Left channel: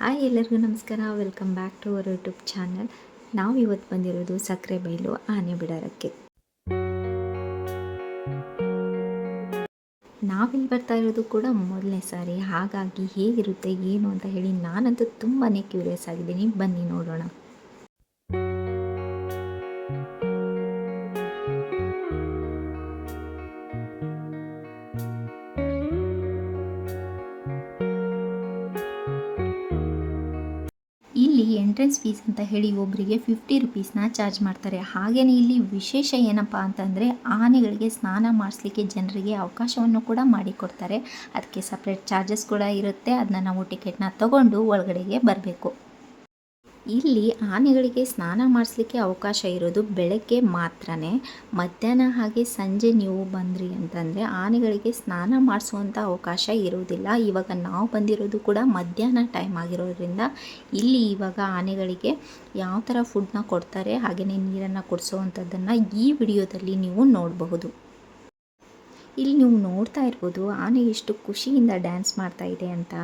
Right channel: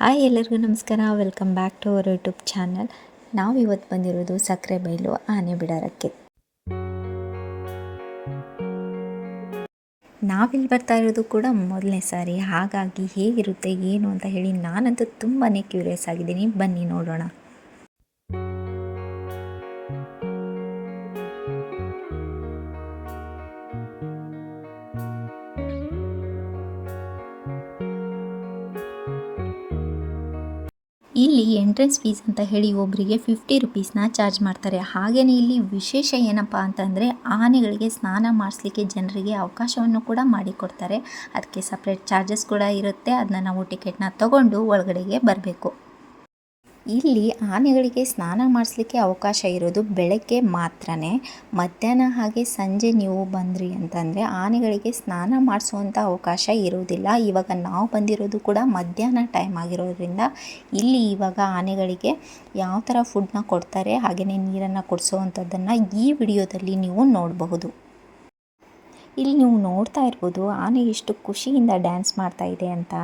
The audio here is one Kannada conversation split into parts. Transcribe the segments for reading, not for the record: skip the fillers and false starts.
ಹಾಯ್ ಎಲ್ಲರಿಗೂ ನಮಸ್ಕಾರ. Welcome back to our YouTube channel. ನಾವು ಇವತ್ತು ಬಂದಿರೋದು ಸಕ್ಕರೆಬೈಲು ಆನೆ ಬಿಡಾರಕ್ಕೆ. ನಾವಿಲ್ಲಿ ಬರ್ತಾ ಇರೋದು ಕೂಡ ಮೊದಲನೇ ಸಾರಿ, ಹಾಗಾಗಿ ಹೇಗಿರುತ್ತೆ ಏನು ಅಂತ ಹೇಳಿ ನಾನಂತೂ ತುಂಬಾ ಕ್ಯೂರಿಯಸ್ ಆಗಿದ್ದೀನಿ. ಬನ್ನಿ ನೋಡೋಣ. ಇಲ್ಲಿ ಎಂಟ್ರೆನ್ಸ್ ಫೀಸ್ ಅಂತ ಹೇಳಿ ಒಬ್ಬರಿಗೆ 50 ರುಪೀಸ್ನ ಚಾರ್ಜ್ ಮಾಡ್ತಾರೆ. ಹಾಗೆಯೇ ಇಲ್ಲಿ ವಿಶೇಷ ಏನಪ್ಪ ಅಂತಂದರೆ ಆನೆಗಳಿಗೆ ಸ್ನಾನ ಮಾಡಿಸ್ಲಿಕ್ಕೆ ಜನರಿಗೆ ಅವಕಾಶವನ್ನು ಕೂಡ ಮಾಡಿಕೊಡ್ತಾರೆ. ಅದಕ್ಕೆ ಸಪ್ರೇಟ್ ಚಾರ್ಜಸ್ ಕೂಡ ಇರುತ್ತೆ. ಅದನ್ನ ನಾವು ಟಿಕೆಟ್ನ ತಗೊಂಡು ಒಳಗಡೆಗೆ ಬರಬೇಕು. ಇಲ್ಲಿ ಆನೆಗಳಿಗೆ ಸ್ನಾನ ಮಾಡಿಸ್ಲಿಕ್ಕೆ ಅವಕಾಶ ಇರೋದು ಬೆಳಗ್ಗೆ ಮಾತ್ರ. ಮಧ್ಯಾಹ್ನ ಹಾಗೆ ಸಂಜೆ ನೀವು ಬಂದ್ರಿ ಅಂತಂದರೆ ಆನೆಗಳಿಗೆ ಸ್ನಾನ ಮಾಡಿಸುವಂಥ ಅವಕಾಶ ಇರೋದಿಲ್ಲ. ಇವಾಗ ನಾವು ಬಂದಿರೋದು ಕೂಡ ಮಧ್ಯಾಹ್ನ ಟೈಮ್ ಆಗಿರೋದ್ರಿಂದ ಇಲ್ಲಿ ಇವಾಗ ಆನೆಗಳಿಗೆ ಯಾವ ಥರ ಫುಡ್ನ ಕೊಡ್ತಾರೆ ಹಾಗೆಯೇ ನೀರನ್ನು ಕೊಡಿಸೋವಂಥದ್ದನ್ನು ಈ ವಿಡಿಯೋದಲ್ಲಿ ನೀವು ನೋಡಬಹುದು. ಇಲ್ಲಿ ನೀವು ನೋಡ್ತಾ ಇರ್ಬೋದು ಆನೆ ಎಷ್ಟು ಖುಷಿಯಿಂದ ಡ್ಯಾನ್ಸ್ ಮಾಡ್ತಾ ಇದೆ ಅಂತ.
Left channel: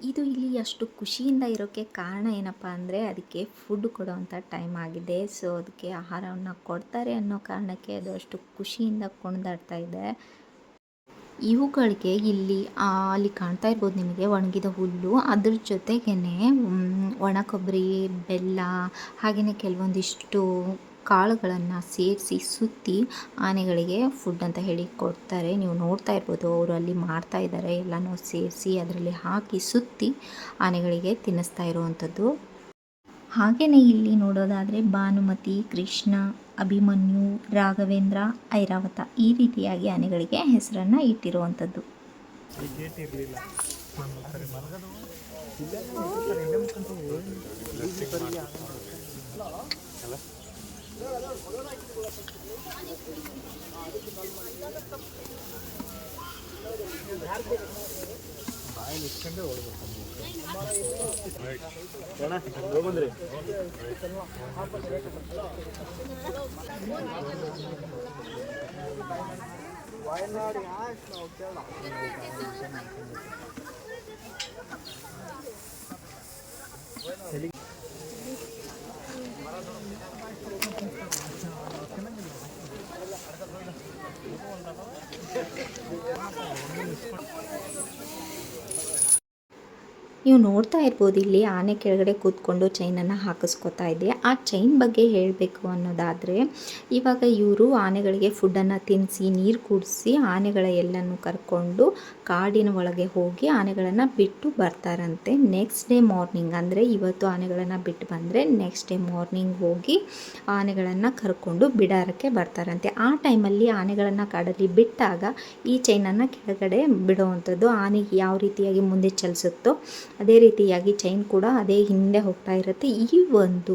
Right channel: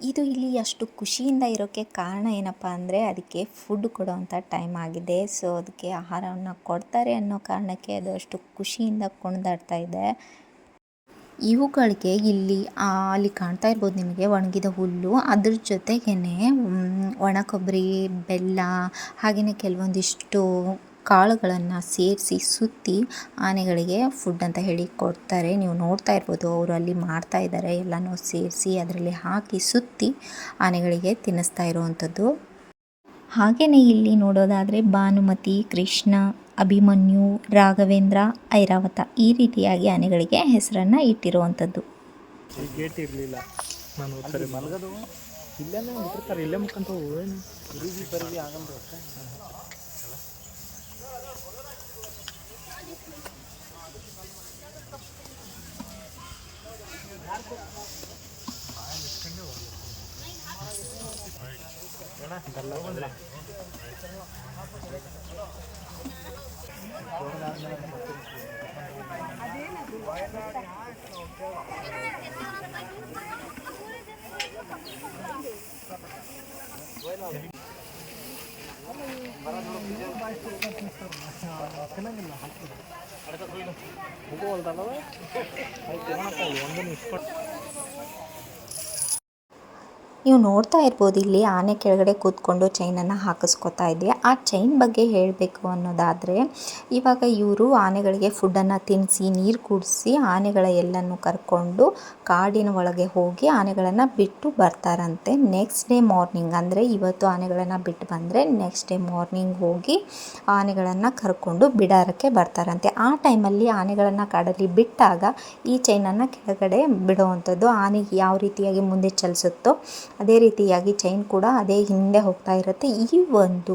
ಇದು ಇಲ್ಲಿ ಅಷ್ಟು ಖುಷಿಯಿಂದ ಇರೋಕ್ಕೆ ಕಾರಣ ಏನಪ್ಪ ಅಂದರೆ ಅದಕ್ಕೆ ಫುಡ್ ಕೊಡೋವಂಥ ಟೈಮ್ ಆಗಿದೆ. ಸೊ ಅದಕ್ಕೆ ಆಹಾರವನ್ನು ಕೊಡ್ತಾರೆ ಅನ್ನೋ ಕಾರಣಕ್ಕೆ ಅದು ಅಷ್ಟು ಖುಷಿಯಿಂದ ಕುಣಿದಾಡ್ತಾ ಇದೆ. ಇವುಗಳಿಗೆ ಅಲ್ಲಿ ಕಾಣ್ತಾ ಇರ್ಬೋದು ನಿಮಗೆ ಒಣಗಿದ ಹುಲ್ಲು, ಅದ್ರ ಜೊತೆಗೇ ಒಣ ಕೊಬ್ಬರಿ, ಬೆಲ್ಲ ಹಾಗೆಯೇ ಕೆಲವೊಂದಿಷ್ಟು ಕಾಳುಗಳನ್ನು ಸೇರಿಸಿ ಸುತ್ತಿ ಆನೆಗಳಿಗೆ ಫುಡ್ ಅಂತ ಹೇಳಿ ಕೊಡ್ತಾರೆ. ನೀವು ನೋಡ್ತಾ ಇರ್ಬೋದು ಅವರು ಅಲ್ಲಿ ಮಾಡ್ತಾ ಇದ್ದಾರೆ. ಎಲ್ಲನೂ ಸೇರಿಸಿ ಅದರಲ್ಲಿ ಹಾಕಿ ಸುತ್ತಿ ಆನೆಗಳಿಗೆ ತಿನ್ನಿಸ್ತಾ ಇರುವಂಥದ್ದು. ಹಾಗೆಯೇ ಇಲ್ಲಿ ನೋಡೋದಾದರೆ ಭಾನುಮತಿ, ಕೃಷ್ಣ, ಅಭಿಮನ್ಯು, ರಾಘವೇಂದ್ರ, ಐರಾವತ ಈ ರೀತಿಯಾಗಿ ಆನೆಗಳಿಗೆ ಹೆಸರನ್ನು ಇಟ್ಟಿರುವಂಥದ್ದು. ನೀವು ನೋಡ್ತಾ ಇರ್ಬೋದು ಇಲ್ಲಿ ಆನೆ ಕೆಳಗಡೆ ಕೂತ್ಕೊಂಡು ಚೈನನ್ನು ಹಾಕಿಸ್ಕೊತಾ ಇದೆ. ಆ ಚೈನ್ ಬಗ್ಗೆ ಹೇಳಬೇಕು ಅನ್ನೋದಾದರೆ ಇವಾಗ ಇವರು ಆನೆಗಳಿಗೆ ಫುಡ್ಡನ್ನು ತಿನ್ನಿಸಿ ನೀರು ಕುಡಿಸಿ ಆನೆಗಳ ಎಲ್ಲನೂ ಕರ್ಕೊಂಡು ಕಾಡಿನ ಒಳಗೆ ಹೋಗಿ ಆನೆಗಳನ್ನು ಬಿಟ್ಟು ಬರ್ತಾರಂತೆ. ನೆಕ್ಸ್ಟ್ ಡೇ ಮಾರ್ನಿಂಗ್ ಅಂದರೆ ಇವತ್ತು ಆನೆಗಳನ್ನು ಬಿಟ್ಟು ಬಂದರೆ ನೆಕ್ಸ್ಟ್ ಡೇ ಮಾರ್ನಿಂಗ್ ಹೋಗಿ ಆನೆಗಳನ್ನು ಕರ್ಕೊಂಡು ಬಿಡಾರಕ್ಕೆ ಬರ್ತಾರಂತೆ. ಆ ಟೈಮಲ್ಲಿ ಆನೆಗಳನ್ನು ಕಾಡಲ್ಲಿ ಬಿಟ್ಟಾಗ ಈ ಚೈನನ್ನು ಕೆಳಗಡೆ ಬಿಡುವಂಥದ್ದು. ಆನೆ ಯಾವ ರೀತಿಯಾಗಿ ಮುಂದೆ ಚಲಿಸುತ್ತೋ ಅದೇ ರೀತಿಯಾಗಿ ಚೈನ್ ಕೂಡ ಅದೇ ಹಿಂದೆ ಹೋಗ್ತಾ ಇರುತ್ತೆ. ಈ ಒಂದು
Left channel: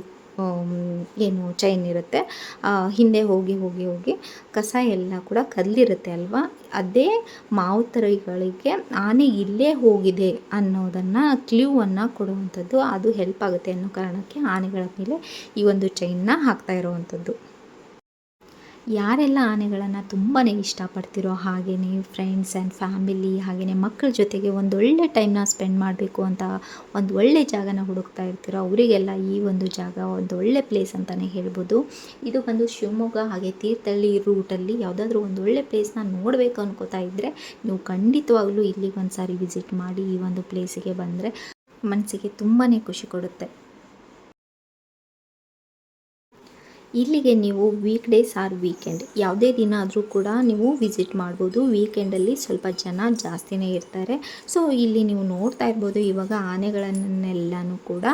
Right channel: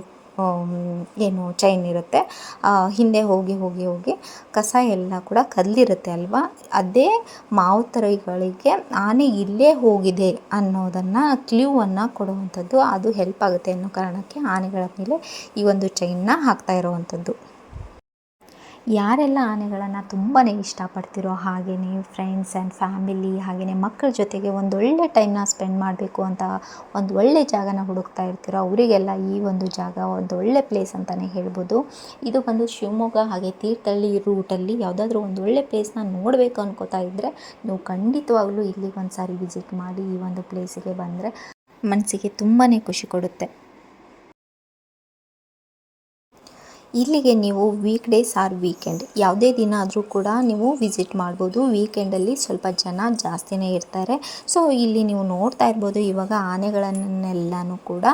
ಏನು ಚೈನ್ ಇರುತ್ತೆ ಹಿಂದೆ ಹೋಗಿ ಹೋಗಿ ಹೋಗಿ ಕಸ ಎಲ್ಲ ಕೂಡ ಕದಲಿರುತ್ತೆ ಅಲ್ವಾ, ಅದೇ ಮಾವುತರುಗಳಿಗೆ ಆನೆ ಇಲ್ಲೇ ಹೋಗಿದೆ ಅನ್ನೋದನ್ನು ಕ್ಲೂವನ್ನು ಕೊಡುವಂಥದ್ದು. ಅದು ಹೆಲ್ಪ್ ಆಗುತ್ತೆ ಅನ್ನೋ ಕಾರಣಕ್ಕೆ ಆನೆಗಳ ಮೇಲೆ ಈ ಒಂದು ಚೈನ್ನ ಹಾಕ್ತಾ ಇರುವಂಥದ್ದು. ಯಾರೆಲ್ಲ ಆನೆಗಳನ್ನು ತುಂಬಾ ಇಷ್ಟಪಡ್ತಿರೋ ಹಾಗೆಯೇ ಫ್ರೆಂಡ್ಸ್ ಆ್ಯಂಡ್ ಫ್ಯಾಮಿಲಿ ಹಾಗೆಯೇ ಮಕ್ಕಳ ಜೊತೆಗೆ ಒಂದೊಳ್ಳೆ ಟೈಮ್ನ ಸ್ಪೆಂಡ್ ಮಾಡಬೇಕು ಅಂತ ಒಂದು ಒಳ್ಳೆ ಜಾಗನ ಹುಡುಕ್ತಾ ಇರ್ತೀರೋ ಅವರಿಗೆಲ್ಲ ಈ ಒಂದು ಜಾಗ ಒಂದು ಒಳ್ಳೆ ಪ್ಲೇಸ್ ಅಂತಲೇ ಹೇಳ್ಬೋದು. ಇದು ಬಂದು ಶಿವಮೊಗ್ಗ ಹಾಗೆ ತೀರ್ಥಹಳ್ಳಿ ರೂಟಲ್ಲಿ ಯಾವುದಾದ್ರೂ ಒಂದು ಒಳ್ಳೆ ಪ್ಲೇಸ್ನ ನೋಡಬೇಕು ಅನ್ಕೋತಾ ಇದ್ದರೆ ನೀವು ಖಂಡಿತವಾಗ್ಲೂ ಇಲ್ಲಿಗೆ ಒಂದು ಸಾರಿ ವಿಸಿಟ್ ಮಾಡಿ. ಈ ಒಂದು ಪ್ಲೇಸಿಗೆ ಬಂದರೆ ಮನಸ್ಸಿಗೆ ತುಂಬಾ ಖುಷಿ ಕೊಡುತ್ತೆ. ಇಲ್ಲಿಗೆ ನೀವು ವೀಕ್ ಡೇಸ್ ಆರ್ ವೀಕೆಂಡ್ ಯಾವುದೇ ದಿನ ಆದರೂ ಕೂಡ ನೀವು ವಿಸಿಟ್ ಮಾಡ್ಬೋದು. ವೀಕೆಂಡಲ್ಲಿ ಸ್ವಲ್ಪ ಜನ ಜಾಸ್ತಿನೇ ಇರ್ತಾರೆ. ಸೊ ಇಲ್ಲಿ ನೀವು ನೋಡ್ತಾ ಇರ್ಬೋದು ಇವಾಗ ಆನೆಗಳನ್ನೆಲ್ಲನೂ ಕೂಡ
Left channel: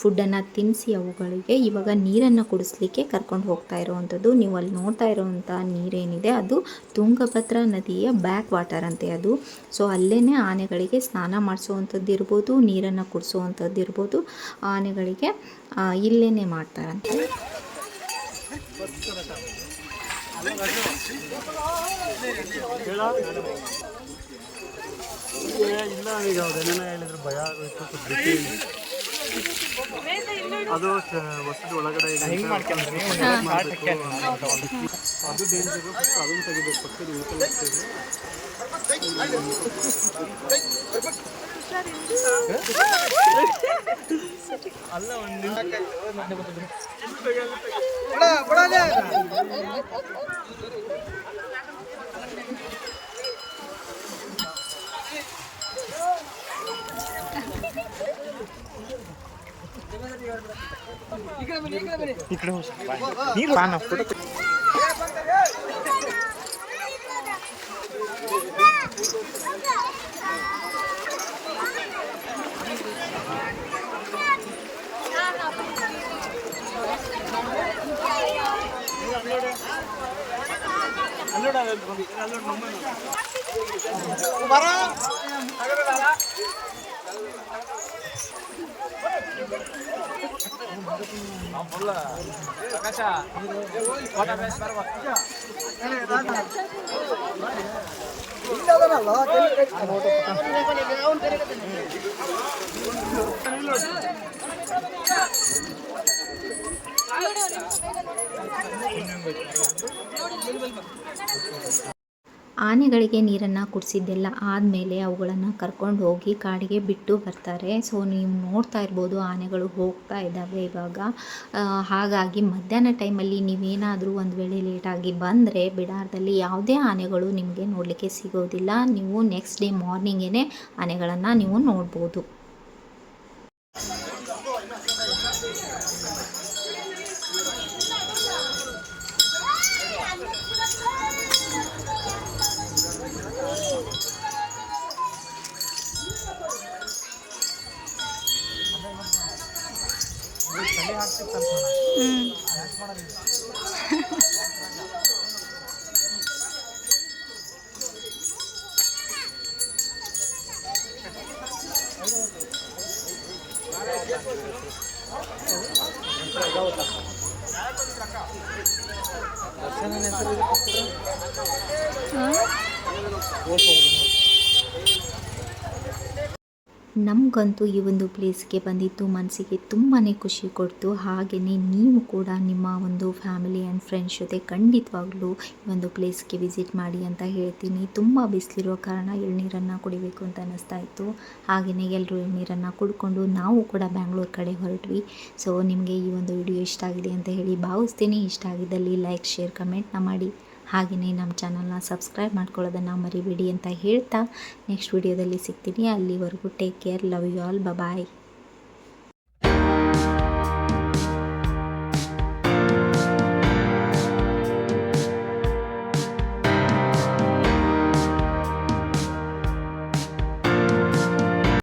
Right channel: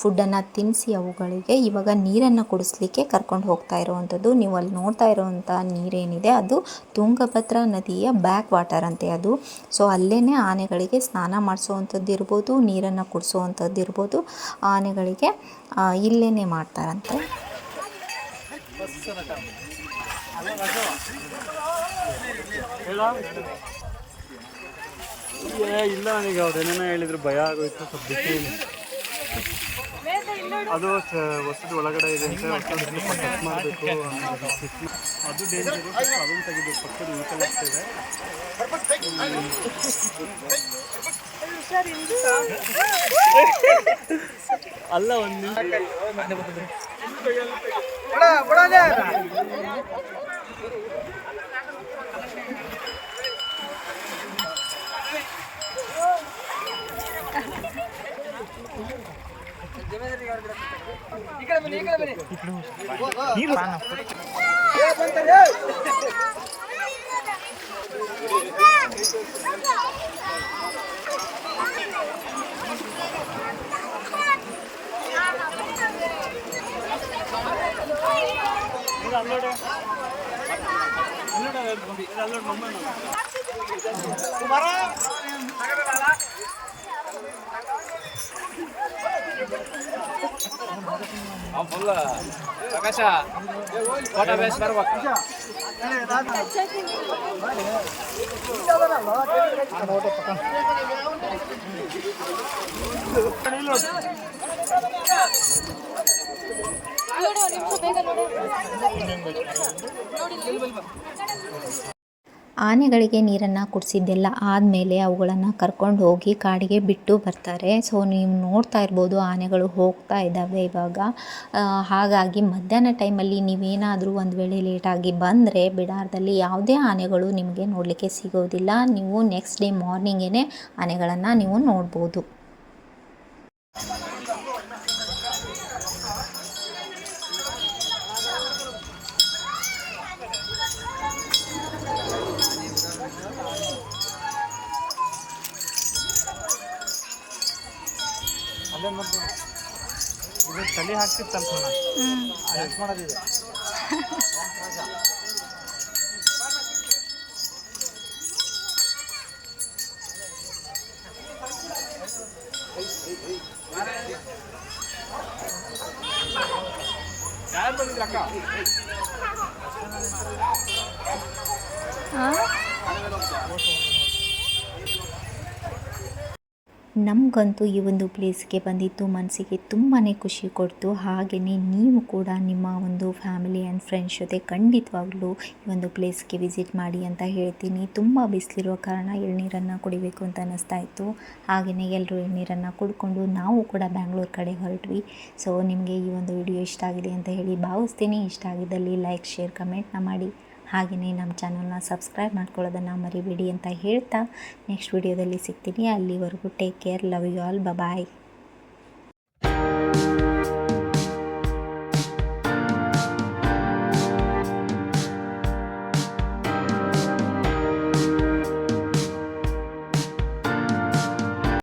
ಫುಡ್ಡನ್ನು ತಿನ್ನಿಸಿ ಅವುಗಳಿಗೆ ಇವಾಗ ನೀರನ್ನು ಕುಡಿಸ್ಲಿಕ್ಕೆ ಕರ್ಕೊಂಡು ಹೋಗ್ತಾ ಇರುವಂಥದ್ದು. ನೀವು ಅಲ್ಲಿ ನೋಡ್ತಾ ಇರುವಂಥ ನೀರೇನಿದೆ ಅದು ತುಂಗಭದ್ರಾ ನದಿಯ ಬ್ಯಾಕ್ ವಾಟರ್ ಅಂತೆ ಅದು. ಸೊ ಅಲ್ಲೇ ಆನೆಗಳಿಗೆ ಸ್ನಾನ ಮಾಡಿಸೋವಂಥದ್ದು ಇರ್ಬೋದು, ನೀರನ್ನು ಕುಡಿಸೋವಂಥದ್ದು ಇರ್ಬೋದು, ಆನೆಗಳಿಗೆ ಇಲ್ಲೇ ಮಾಡ್ತಾರಂತೆ. ಇಲ್ಲ ನನಗೆ ಅದೇನೇನೋ ಹೇಳಿದ್ರು ಭಯ ಆಗೋಯ್ತು. ಅದು ಹೊಸದು ಒಳಗಡೆ ಇದೆ ಅದು ಡೇಂಜರು. ಫಸ್ಟ್ ಅದನ್ನು ತೆಗಿಬೇಕು, ಪಕ್ಕದ ಉಳ್ಕೊಳ್ಳಾಗ್ತಿದೆ. ಅಲ್ಲ ಒಂದು ಆನೆಗಳಿಗೆ ನೀರನ್ನು ಕುಡಿಸಿದ್ದೆಲ್ಲ ಆದಮೇಲೆ ಅವುಗಳನ್ನು ಕರ್ಕೊಂಡು ಹೋಗಿ ಕಾಡಿಗೆ ಬಿಟ್ಟು ಬರ್ತಾರೆ. ಸೊ ನೀವು ನೋಡ್ತಾ ಇರ್ಬೋದು ಆನೆಗಳು ಹೋಗ್ತಾ ಇದ್ದಾವೆ ಇವಾಗ. ಹಾಗಾಗಿ ಮಧ್ಯಾಹ್ನ ಟೈಮಲ್ಲಿ ನೀವೇನಾದರೂ ಒಂದು ವೇಳೆ ಲೇಟಾಗಿ ಬಂದರೆ ಬಿಡಾರದಲ್ಲಿ ಯಾವುದೇ ಆನೆಗಳು ನಿಮಗೆ ನೋಡಲಿಕ್ಕೆ ಸಿಗೋದಿಲ್ಲ. ನೀವು ನೆಕ್ಸ್ಟ್ ಡೇ ಮಾರ್ನಿಂಗೇ ಆನೆಗಳನ್ನು ನೀವು ನೋಡ್ಬೋದು. ಚಳಿ ಹಾಕ್ತಿತ್ತಲ್ಲ ಮಾಡೋದಿದೆ. ನಮಗಂತೂ ಈ ಒಂದು ಪ್ಲೇಸ್ಗೆ ಬಂದಿದ್ದು ಮನಸ್ಸಿಗೆ ತುಂಬಾ ಖುಷಿ ಕೊಡ್ತು. ಹಾಗೆಯೇ ನೀವು ಕೂಡ ನಿಮ್ಮ ಒಂದು ಫ್ಯಾಮಿಲಿ ಆ್ಯಂಡ್ ಫ್ರೆಂಡ್ಸ್ ಜೊತೆ ಖಂಡಿತವಾಗ್ಲೂ ಈ ಒಂದು ಪ್ಲೇಸ್ಗೆ ವಿಸಿಟ್ ಮಾಡಿ ಅಂತ ಹೇಳ್ತೀನಿ. ತುಂಬ ಬಿಸಿಲಿರೋ ಕಾರಣ ಎಳ್ನೀರನ್ನು ಕುಡಿಬೇಕು ಅಂತ ಅನ್ನಿಸ್ತಾ ಇತ್ತು. ಹಾಗೆಯೇ ಎಲ್ಲರೂ ಎಳ್ನೀರನ್ನು ಕುಡ್ಕೊಂಡು ನಾವು ಕೂಡ ಬ್ಯಾಂಗ್ಳೂರು ಕಡೆ ಹೊರಟ್ವಿ. ಸೊ ನಿಮಗೆ ಈ ಒಂದು ವಿಡಿಯೋ ಇಷ್ಟ ಆಗಿದೆ ಅಂತ ಹೇಳಿ ಭಾವಿಸ್ತೀನಿ. ಇಷ್ಟ ಆಗಿದ್ದಲ್ಲಿ ಲೈಕ್, ಶೇರ್, ಕಮೆಂಟ್ನ ಮಾಡಿ. ಹಾಗೆಯೇ ನಮ್ಮ ಚಾನಲ್ನ ಸಬ್ಸ್ಕ್ರೈಬ್ ಮಾಡ್ಕೊಳ್ಳೋದನ್ನು ಮರಿಬೇಡಿ ಅಂತ ಹೇಳ್ತಾ ನೆಕ್ಸ್ಟ್ ವಿಡಿಯೋದಲ್ಲಿ ಸಿಗ್ತೀನಿ. ಅಲ್ಲಿವರೆಗೂ take care, love you all, bye.